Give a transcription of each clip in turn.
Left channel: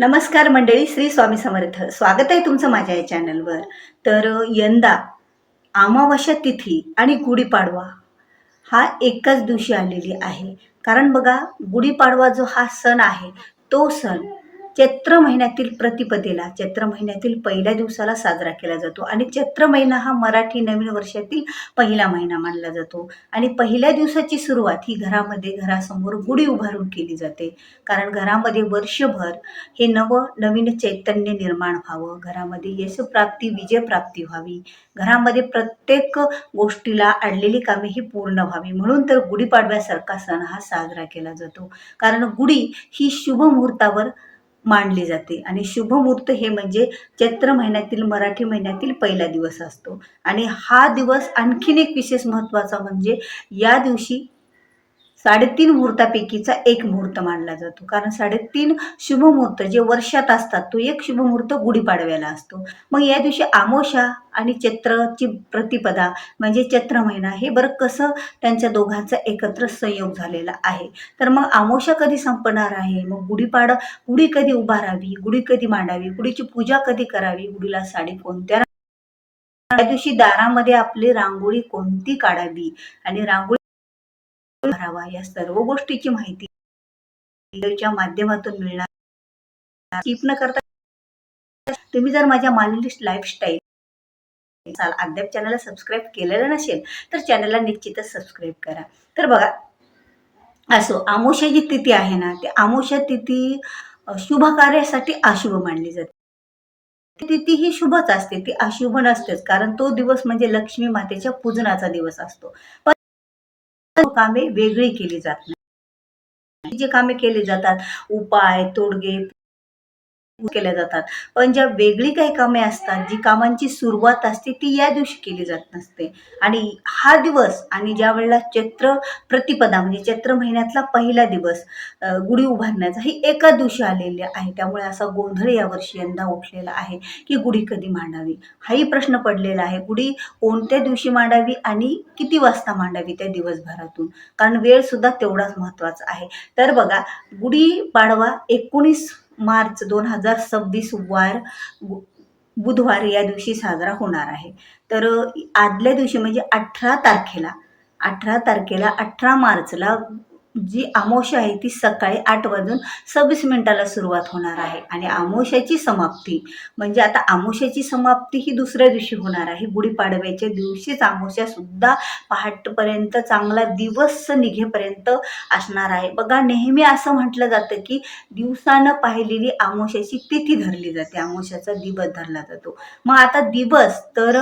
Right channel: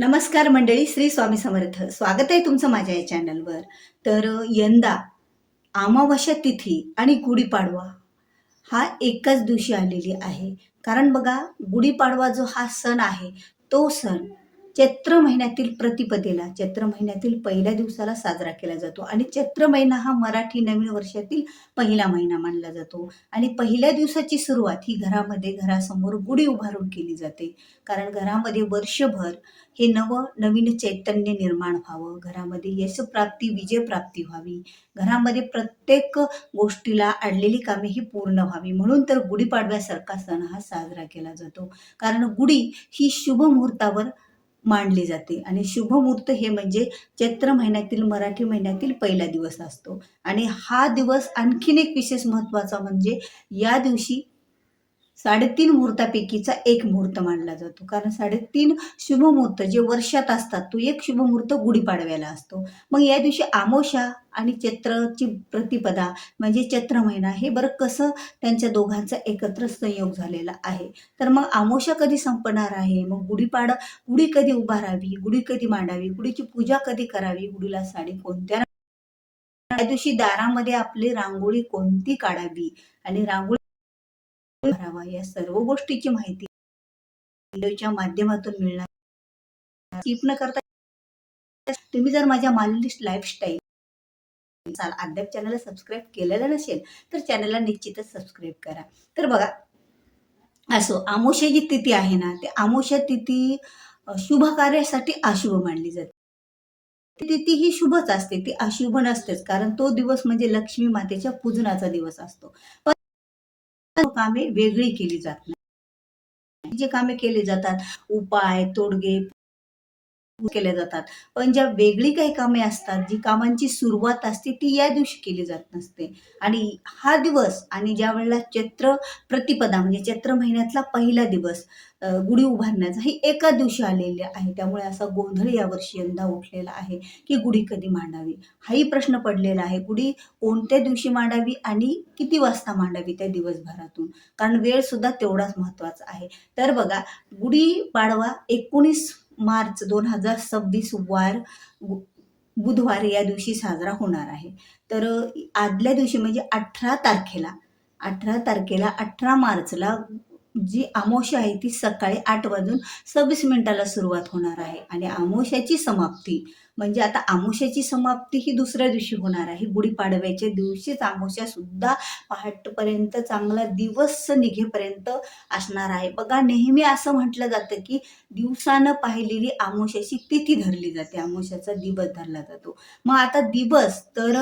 नमस्कार मंडळी, श्री स्वामी समर्थ. स्वागत आहे तुमचं माझ्या या चॅनलवर. तर यंदा अमावास्या तिथी आणि गुढीपाडवा हा एकाच दिवशी आलेली आहे. कारण बघा, गुढीपाडवा जो हा सण आहे, तो सण चैत्र महिन्यातील प्रतिपदेला, चैत्र महिन्यातील पहिल्या दिवसाला साजरा केला जातो आणि चैत्र महिना हा मराठी नवीन वर्षातील पहिला महिना मानला जातो. आणि पहिल्या दिवसाची सुरुवात ही घरासमोर गुढी उभारून केली जाते. कारण घरामध्ये वर्षभर हे नवीन चैतन्य निर्माण व्हावं, घरामध्ये यशप्राप्ती, विजयप्राप्ती व्हावी, घरामध्ये प्रत्येक गोष्टीला अडलेली कामे ही पूर्ण व्हावी, म्हणून तर गुढीपाडव्यासारखा सण हा साजरा केला जातो. कारण गुढी ही शुभ मुहूर्तावर मांडली जाते आणि शुभ मुहूर्त हे म्हणजे चैत्र महिन्यातील, मराठी महिन्यातील पहिला दिवस असतो. आणि हा दिवस आणखीन एक विशेष महत्वाचा म्हणजे या दिवशी 3.5 मुहूर्तापैकीचा एक मुहूर्त मानला जातो. कारण 3.5 शुभ मुहूर्त जे वर्षात असतात, तो एक शुभ मुहूर्त गुढीपाडव्याला असतो. मग या दिवशी अमावास्या आणि चैत्रची प्रतिपदा म्हणजे चैत्र महिना, हे बरं कसं त्यांच्या दोघांचा एकत्र संयोग झालेला आहे. तर मग अमावास्या कधी संपणार आहे, मग गुढी कधी उभारावी, गुढी कधी मांडावी, गुढीची पूजा कधी करावी, गुढीला साडी कोणत्या, त्या दिवशी दारामध्ये आपली रांगोळी कोणती काढावी आणि रांगोळी भरावा, या सर्व गोष्टीची माहिती व्हिडिओच्या माध्यमातून मिळणार. स्किप न करता तुम्ही जर माझ्या मानलिस्ट लाईफस्टाईल अद्याप चॅनलला सबस्क्राईब केलेलं नसेल तर चॅनलला निश्चितच सबस्क्राईब करा. तर बघा, असो अमावास्या जी तिथी आहे ना, ते अमावास्या तिथी शुभ कार्यासाठी अशुभ मानली जाते. तिथी ही शुभच असते, ती अशुभ नसतेच. कारण तो दिवस म्हणजे लक्ष्मी मातेच्या पूजनाचा दिवस असतो. पण कामे वेगळी केली जात नाही. जे कामे केले जातात, उपाय, तोडगे केल्या जातात. पण ज्या वेगळी काही कामे असतात, जी कामांची सुरुवात असते, ती या दिवशी केली जात नसते. आणि हा दिवस आणि ज्या वेळेला चैत्र प्रतिपदा म्हणजे चैत्र महिन्यातला पहिला दिवस गुढी उभारण्याचा ही एका दिवशी आलेली आहे. त्यामुळे असा गोंधळ यावर्षी यंदा उठलेला आहे की गुढी कधी मांडावी, हाही प्रश्न पडलेला आहे. गुढी कोणत्या दिवशी मांडावी आणि किती वाजता मांडावी त्या दिवसभरातून, कारण वेळ सुद्धा तेवढाच महत्वाचा आहे. तर बघा, गुढीपाडवा 19 मार्च 2026 वार बुधवार या दिवशी साजरा होणार आहे. तर आदल्या दिवशी म्हणजे 18 तारखेला 18 मार्चला जी अमावास्या आहे ती सकाळी 8:26 सुरुवात होणार आहे. आणि अमावास्याची समाप्ती म्हणजे आता अमावास्याची समाप्ती ही दुसऱ्या दिवशी होणार आहे. गुढीपाडव्याच्या दिवशीच अमावास्या सुद्धा पहाटपर्यंत चांगला दिवस निघेपर्यंत असणार आहे. बघा, नेहमी असं म्हटलं जातं की दिवसानं पाहिलेली अमावास्याची तिथी धरली जाते, अमावास्याचा दिवस धरला जातो. मग आता दिवस तर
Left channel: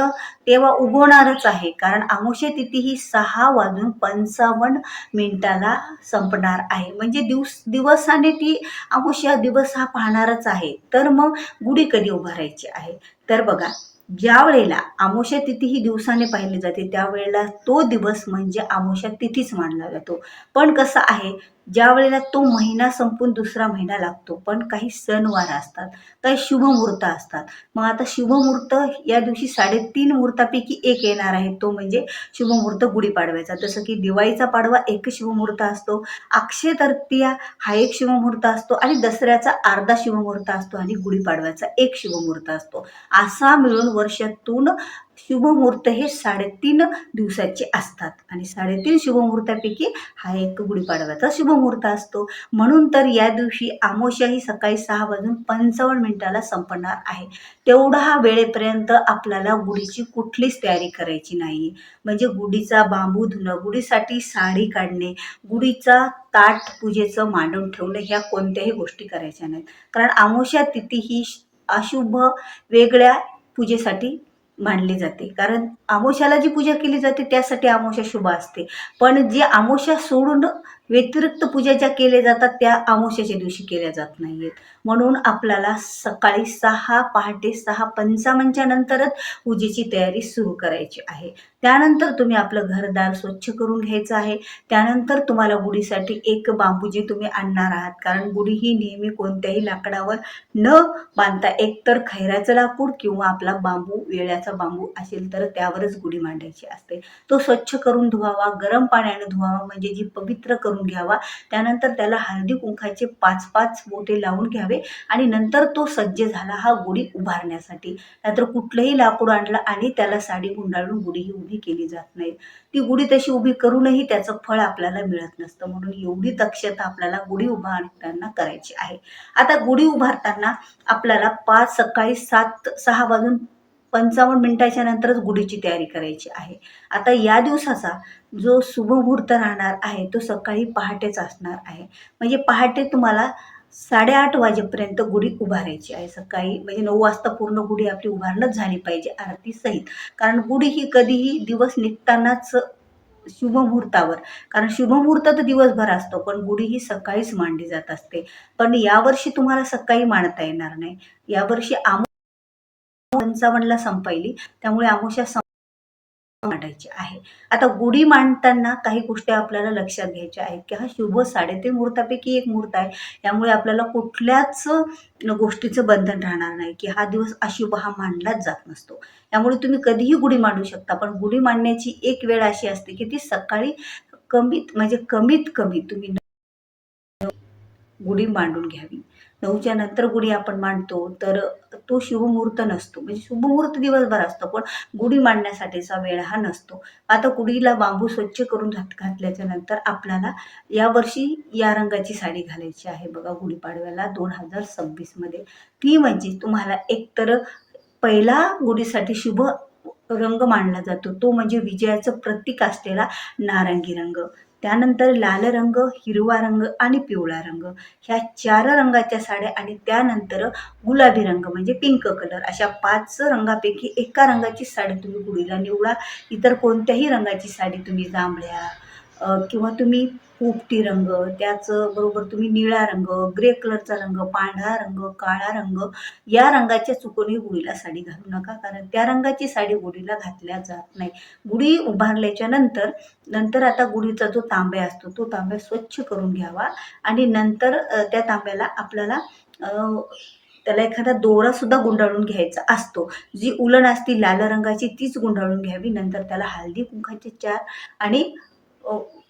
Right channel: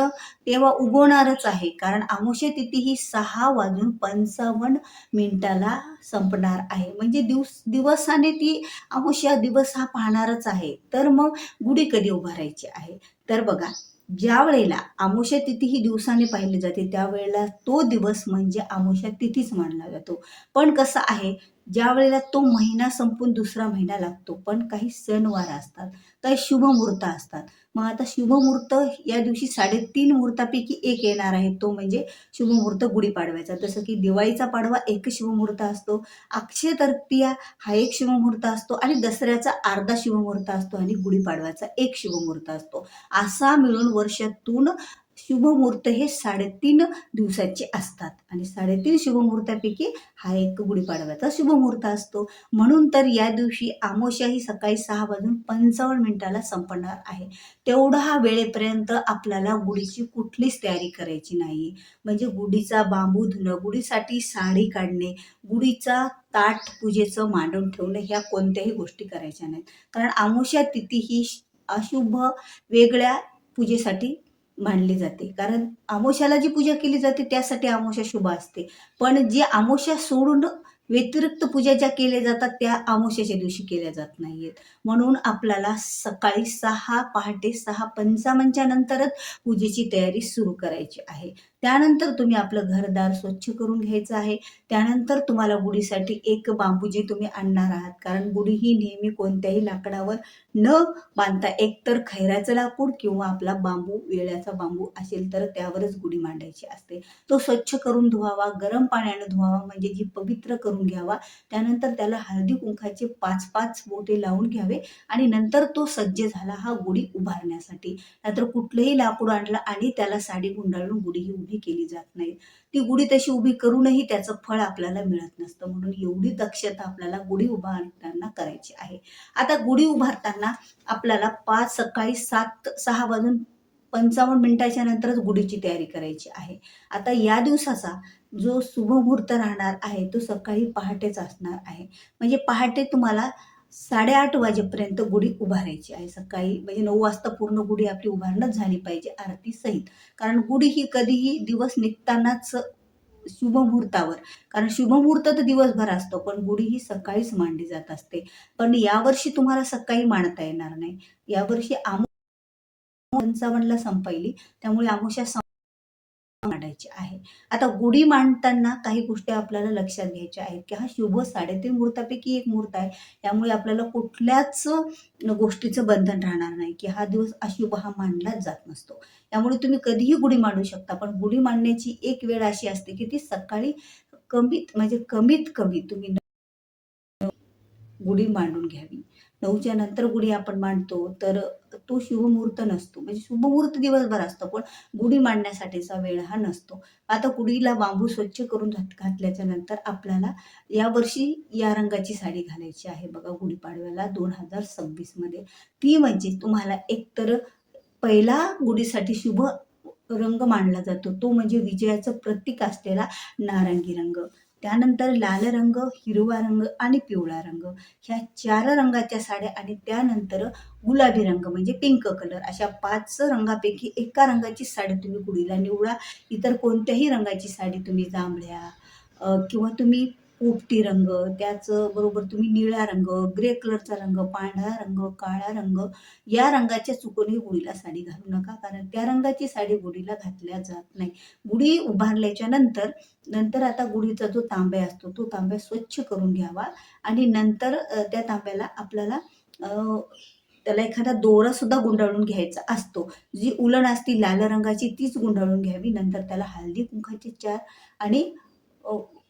तेव्हा उगवणारच आहे, कारण अमावास्या तिथी ही 6:55 संपणार आहे. म्हणजे दिवसाने ती अमावास्या दिवस हा पाहणारच आहे. तर मग गुढी कधी उभारायची आहे, तर बघा, ज्या वेळेला अमावास्या तिथी ही दिवसाने पाहिली जाते त्यावेळेला तो दिवस म्हणजे अमावास्या तिथीच मानला जातो. पण कसं आहे, ज्या वेळेला तो महिना संपून दुसरा महिना लागतो, पण काही सणवार असतात, काही शुभ मुहूर्त असतात. मग आता शुभ मुहूर्त या दिवशी 3.5 मुहूर्तापैकी एक येणार आहे, तो म्हणजे शुभ मुहूर्त गुढीपाडव्याचा. जसं की दिवाळीचा पाडवा एक शुभ मुहूर्त असतो, अक्षय तृतीया हा एक शुभ मुहूर्त असतो आणि दसऱ्याचा अर्धा शुभ मुहूर्त असतो आणि गुढीपाडव्याचा एक शुभ मुहूर्त असतो. असा मिळून वर्षातून शुभ मुहूर्त हे 3.5 दिवसाचे असतात आणि 3.5 शुभ मुहूर्तापैकी हा एक गुढीपाडव्याचा शुभ मुहूर्त असतो. म्हणून तर या दिवशी अमावास्या ही सकाळी 6:55 संपणार आहे. तेवढा वेळेपर्यंत आपल्याला गुढीची कुठलीच तयारी करायची नाही. म्हणजे गुढीचा बांबू धुणं, गुढीसाठी साडी काढणे, गुढीचा ताट पूजेचं मांडून ठेवणं, ह्या कोणत्याही गोष्टी करायच्या नाहीत. कारण अमावास्या तिथी ही अशुभ वेगळ्या पूजेसाठी मानली जाते. कारण अमावास्याला जी पूजा केली जाते त्यासाठी अमावास्या शुभ असते. पण जे अमावास्या सोडून व्यतिरिक्त पूजा ज्या केल्या जातात त्या अमावास्याच्या दिवशी केल्या जात नाहीयेत. म्हणून आपल्याला सकाळी पहाटे 6:55 नंतरच पूजेची तयारी सुरू करायची आहे. त्यानंतर तुम्ही आपलं घरदार स्वच्छ करून घ्यायचं आहे. त्यानंतर तुम्हाला गुढीसाठी एक बांबू जे तुम्ही आणणार आहात, कारण गुढी ही नेहमी कोणत्याही लाकडावर न बांधता एकतर खैराचं लाकूड किंवा आपला बांबू, वेळ्याचा बांबू असेल तर त्यावरच गुढी मांडायची असते. तो स्वच्छ करून धुवावा, गरम पाण्याने धुवावा, म्हणजे जी पवित्र करून करून घ्यावा. त्यानंतर त्याला हळदी कुंकाचे 5-5 बोटे लावून घ्यावे आणि नंतर तो सज्ज झाला हा गुढी उभारण्यासाठी. नाहीतर कुठलंही लाकूड आणलं आणि त्याला साडी गुंडाळून गुढी ही उभी केली जात नाही. ती गुढी तशी उभी करूनही त्याचं फळ आपल्याला मिळत नसतं. म्हणून एवढी दक्षता आपल्याला गुढी उभारताना करायची आहे. आता गुढी उभारताना आपल्याला सकाळी 6 वाजून 55 मिनिटाच्या नंतरच गुढीची तयारी करायची आहे. आता या दिवसाचा जो शुभ मुहूर्त राहणार आहे तो सकाळी पहाटेच असणार आहे. म्हणजे पहाटे तुम्हाला 8:30 वाजेपर्यंत गुढी उभारायची आहे. सकाळी म्हणजे 9 वाजता पूर्ण गुढी आपली उभारणच झाली पाहिजे आरती सहित. कारण गुढी ही कधीही दिवस निघतानाच शुभ मुहूर्तावर, कारण शुभ मुहूर्त तर दिवसभर असतो, पण गुढी ही सकाळीच मांडली जात असते. पण यावर्षी तुम्हाला सकाळी मांडता येणार नाही. यावर्षी 55ला संपायली, त्यामुळे अमावस्या मांडायची आहे. आता गुढी मांडताना काही गोष्टी आपल्याला लक्षात घ्यायच्या आहेत, की हा शुभ 3.5 मुहूर्तापैकी एक मुहूर्त आहे. त्यामुळे आपल्याला कुठल्याच गोष्टीचं बंधन राहणार नाही, की हा दिवस अशुभ हा मानलाच जात नसतो. त्यामुळे तुम्ही कधीही गुढी मांडू शकता. पण गुढी मांडण्याची एक वेळ अशी असते, की ती सकाळी कमीत कमी तुम्ही गुढी मांडून घ्यावी. 9च्या नंतर गुढी आपण मांडतो तर तो शुभमुहूर्त नसतो. म्हणजे शुभमुहूर्त दिवसभर असतो, पण गुढी मांडण्यासाठीचा वेळ हा नसतो. आता गुढीला बांबू स्वच्छ करून घातल्याच्या नंतर आपल्याला यावर्षी या रंगाची साडी घालायची आहे बघा गुढीपाडव्याला 2026 मध्ये. ती म्हणजे तुम्हाला एकतर पहिला गुढीसाठी शुभ रंग मानला जातो तो म्हणजे विजयाचं प्रतीक असलेला नारंगी रंग. त्यानंतर लाल रंग, हिरवा रंग आणि पिवळा रंग, ह्या 4 रंगाच्या साड्या आणि त्यानंतर गुलाबी रंग म्हणजे पिंक कलर, अशा 5 रंगापैकी एका रंगाची साडी तुम्ही गुढीला निवडा. इतर कोणत्याही रंगाची साडी तुम्ही जांभळ्या किंवा तुम्ही पोपटी रंग, त्याचबरोबर तुम्ही निळा रंग, ग्रे कलरचा रंग, पांढरा रंग, काळा रंग, या रंगाच्या चुकूनही गुढीला साडी घालू नका, कारण त्या रंगाची साडी गुढीला घातल्या जात नाही. गुढी उभारल्याच्या नंतर आता गुढीचा जो तांब्या असतो तो तांब्या स्वच्छ करून घ्यावा आणि नंतर त्या तांब्याला आपल्याला त्याला एखादा दोरा सुद्धा गुंडाळून घ्यायचा असतो. जी उलण असती लाल रंगाची तीच गुंडाळून घ्यावी. नंतर त्याला हळदी कुंकाचे 4 आणि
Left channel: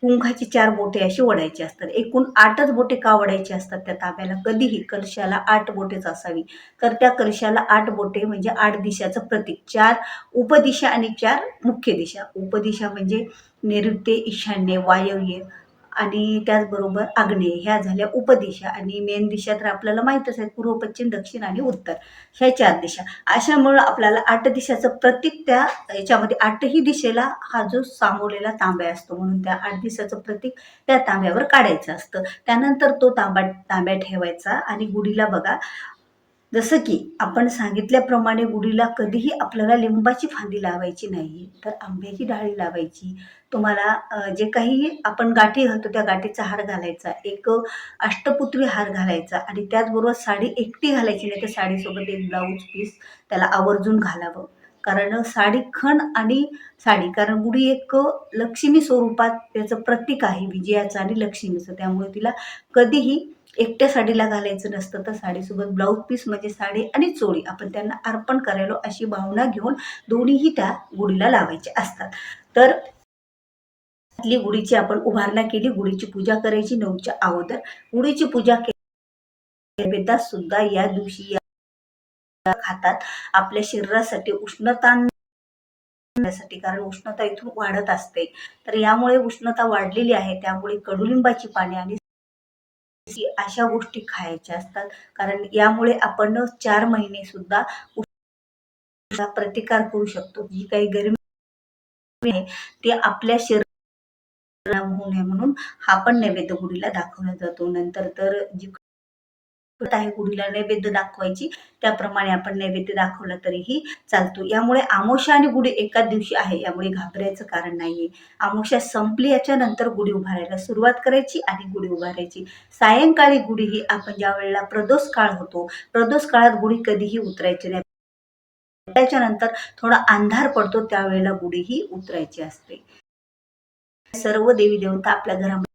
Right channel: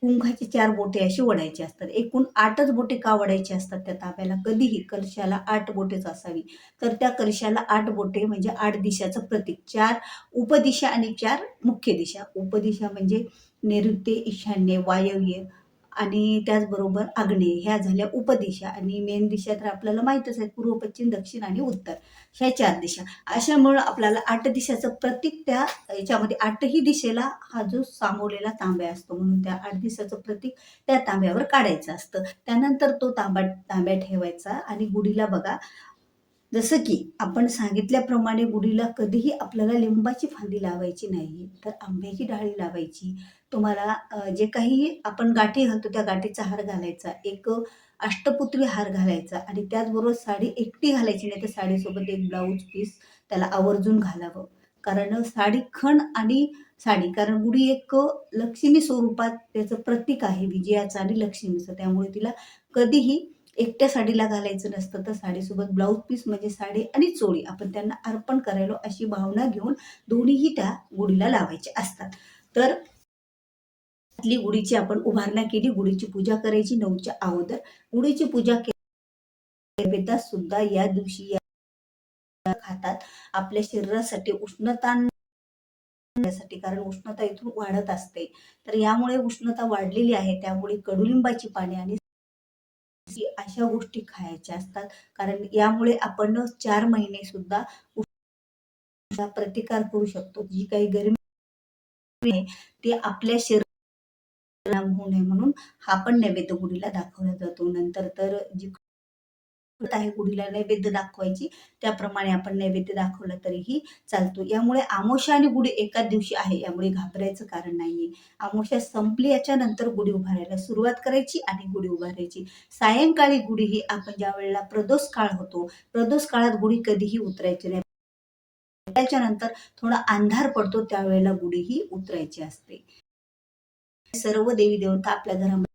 कुंकाची 4 बोटे अशी ओढायची असतात. एकूण 8च बोटे का ओढायची असतात त्या तांब्याला? कधीही कलशाला 8 बोटेच असावी. तर त्या कलशाला 8 बोटे म्हणजे 8 दिशाचं प्रतीक. 4 उपदिशा आणि 4 मुख्य दिशा. उपदिशा म्हणजे नैऋत्य, ईशान्य, वायव्य आणि त्याचबरोबर आग्नेय, ह्या झाल्या उपदिशा. आणि मेन दिशा तर आपल्याला माहीतच आहे, पूर्व, पश्चिम, दक्षिण आणि उत्तर, ह्या 4 दिशा. अशामुळं आपल्याला 8 दिशाचं प्रतीक त्या ह्याच्यामध्ये 8ही दिशेला हा जो सामावलेला तांब्या असतो, म्हणून त्या 8 दिशाचं प्रतीक त्या तांब्यावर काढायचं असतं. त्यानंतर तो तांब्या ठेवायचा आणि गुढीला बघा, जसं की आपण सांगितल्याप्रमाणे गुढीला कधीही आपल्याला लिंबाची फांदी लावायची नाही, तर आंब्याची डाळी लावायची. तुम्हाला जे काही आपण गाठी घालतो त्या गाठीचा हार घालायचा, एक अष्टपुत्री हार घालायचा आणि त्याचबरोबर साडी एकटी घालायची नाही, तर साडीसोबत एक ब्लाऊज पीस त्याला आवर्जून घालावं. कारण साडी खण आणि साडी, कारण गुढी एक लक्ष्मी स्वरूपात त्याचं प्रतीक आहे विजयाचं आणि लक्ष्मीचं. त्यामुळे तिला कधीही एकट्या साडीला घालायचं नसतं, तर साडीसोबत ब्लाऊज पीस म्हणजे साडी आणि चोळी आपण त्यांना अर्पण करायलो अशी भावना घेऊन दोन्हीही त्या गुढीला लावायचे असतात. तर गुढीची आपण उभारणा केली, गुढीची पूजा करायची 9च्या अगोदर. गुढीची पूजा केली सुद्धा या दिवशी खातात आपल्या शरीरासाठी उष्णता साठी, कारण उष्णता इथून वाढत असते. तर यामुळे उष्णता वाढलेली आहे, त्यामुळे कडुलिंबाची पाने आणि अशा गोष्टी खायच्या असतात. कारण यामुळे आपण 4 महिने सुद्धा प्रतिकार करू शकतो. जी काही गरमी आहे ते आपल्या शरीराला होऊ नये म्हणून हा पण नैवेद्य गुढीला दाखवला जातो. नंतर तर जी आहे गुढीला नैवेद्य दाखवायची, त्याप्रमाणे आपण नैवेद्य दाखवला तरीही चालतो. यामुळे अमावस्या आणि गुढी एकाच दिवशी आहे, यामुळे घाबरायचं कारण नाहीये. अमावस्या संपली याच्या नंतर गुढी उभारायला सुरुवात करायची आणि गुढी उभारायची. सायंकाळी गुढी ही आपण ज्या वेळेला प्रदोष काळ होतो, प्रदोष काळात गुढी कधीही उतरायची नाही. त्याच्यानंतर थोडा अंधार पडतो त्यावेळेला गुढी ही उतरायची असते. सर्व देवी देवता आपल्या घरामध्ये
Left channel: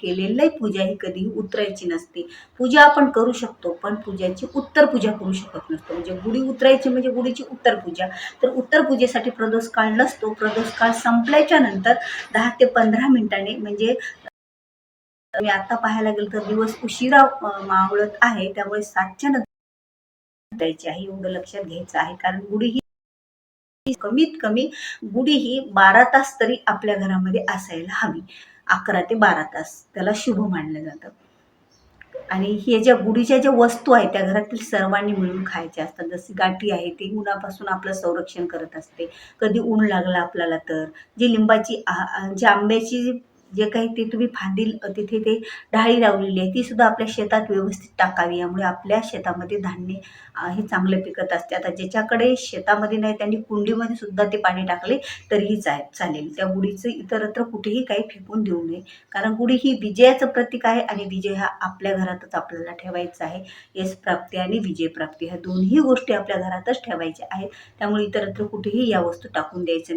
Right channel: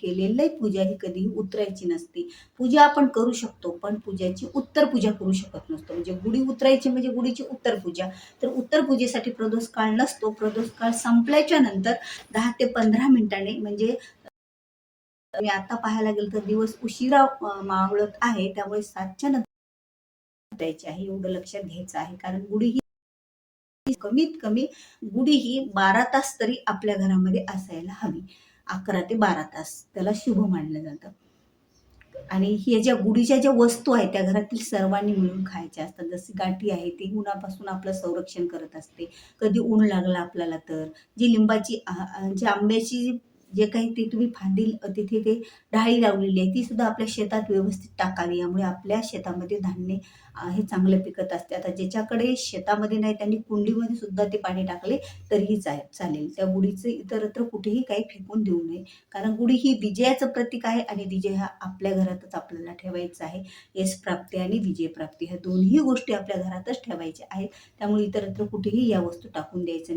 केलेली पूजा ही कधीही उतरायची नसते. पूजा आपण करू शकतो, पण पूजेची उत्तर पूजा करू शकत नसतो. म्हणजे गुढी उतरायची म्हणजे गुढीची उत्तर पूजा. तर उत्तर पूजेसाठी प्रदोष काळ नसतो. प्रदोष काळ संपल्याच्या नंतर 10 ते 15 मिनिटांनी म्हणजे मी आता पाहायला गेलं तर दिवस उशिरा मावळत आहे, त्यामुळे 7च्या नंतर द्यायची आहे, एवढं लक्षात घ्यायचं आहे. कारण गुढी ही कमीत कमी गुढी ही 12 तास तरी आपल्या घरामध्ये असायला हवी. 11 ते 12 तास त्याला शुभ मानलं जातं. आणि हे ज्या गुढीच्या ज्या वस्तू आहेत त्या घरातील सर्वांनी मिळून खायच्या असतात. जशी गाठी आहे ती उन्हापासून आपलं संरक्षण करत असते. कधी ऊन लागलं आपल्याला तर. जी लिंबाची जी आंब्याची जे काही ते तुम्ही फांदी तिथे ते ढाळी लावलेली आहे ती सुद्धा आपल्या शेतात व्यवस्थित टाकावी. यामुळे आपल्या शेतामध्ये धान्य हे चांगले पिकत असते. आता ज्याच्याकडे शेतामध्ये नाही त्यांनी कुंडीमध्ये सुद्धा ते पाणी टाकले तरीही चालेल. त्या गुढीचं इतरत्र कुठेही काही फेकून देऊ नये. कारण गुढी ही विजयाचं प्रतीक आहे आणि विजय हा आपल्या घरातच आपल्याला ठेवायचा आहे. यश प्राप्ती आणि विजय प्राप्ती ह्या दोन्ही गोष्टी आपल्या घरातच ठेवायच्या आहेत. त्यामुळे इतरत्र कुठेही या वस्तू टाकून द्यायचं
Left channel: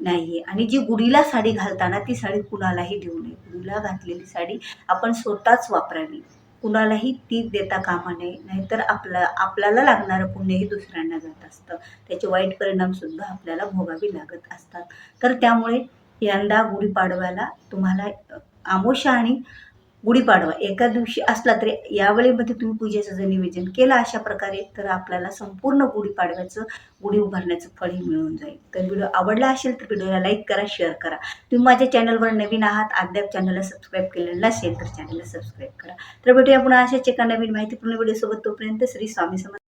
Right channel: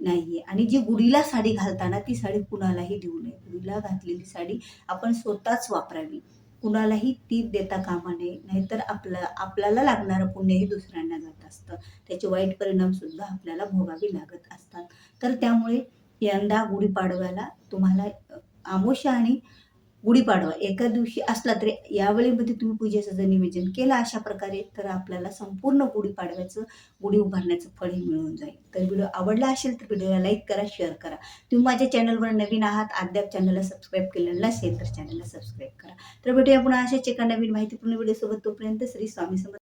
नाही. आणि जी गुढीला साडी घालताना ती साडी कुणालाही देऊ नये. गुढीला घातलेली साडी आपण स्वतःच वापरावी. कुणालाही ती देता कामा नये. नाहीतर आपल्याला लागणारं पुण्यही दुसऱ्यांना जात असतं. त्याचे वाईट परिणाम सुद्धा आपल्याला भोगावे लागत असतात. तर त्यामुळे यंदा गुढीपाडव्याला तुम्हाला अमावास्या आणि गुढीपाडवा एका दिवशी असला तरी यावेळेमध्ये तुम्ही पूजेचं जर नियोजन केलं अशा प्रकारे तर आपल्याला संपूर्ण गुढीपाडव्याचं गुढी उभारण्याचं फळही मिळून जाईल. तर व्हिडिओ आवडला असेल तर व्हिडिओला लाईक करा, शेअर करा. तुम्ही माझ्या चॅनलवर नवीन आहात, अद्याप चॅनलला सबस्क्राईब केलेलं नसेल तर चॅनलला सबस्क्राईब करा. तर भेटूया पुन्हा अशाच एका नवीन माहितीपूर्ण व्हिडिओसोबत. तोपर्यंत श्री स्वामी समर्थ.